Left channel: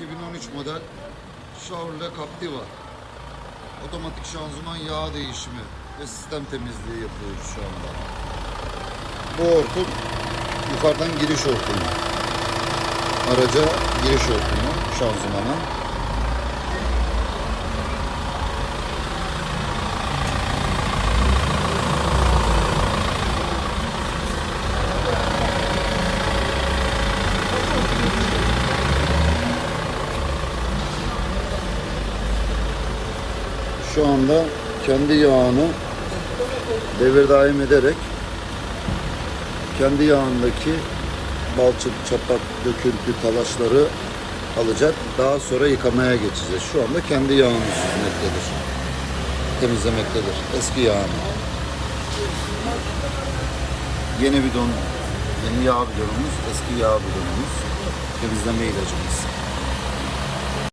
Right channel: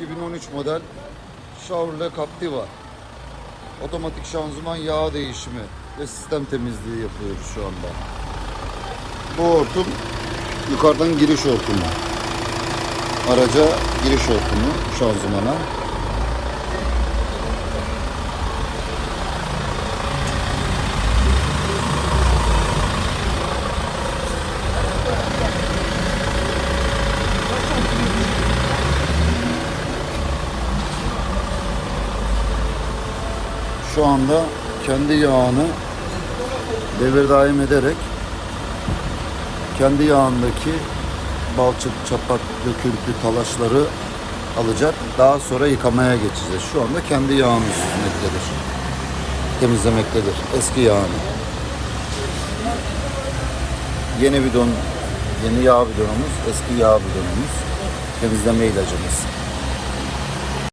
2013 model Chevrolet Captiva. Otomatik şanzıman yağ değişimi ve sistem temizliği yapıyoruz şu anda. Bu hortum yukarıdan giriş hortumu. Araca giriş hortumu şanzımana. Şu anda kendi yağını devir daim ederek kendi yağındaki balçık, çapak, döküntü, talaşları alacak. Daha sonra yıkamaya geçeceğiz. Şu anda kendi yağını süzmektedir. Temizlemektedir. Eski yağını. Yeni bidon, yeni yağ bidonumuz, eski yağ bidonumuz. Temizleme ilacımız.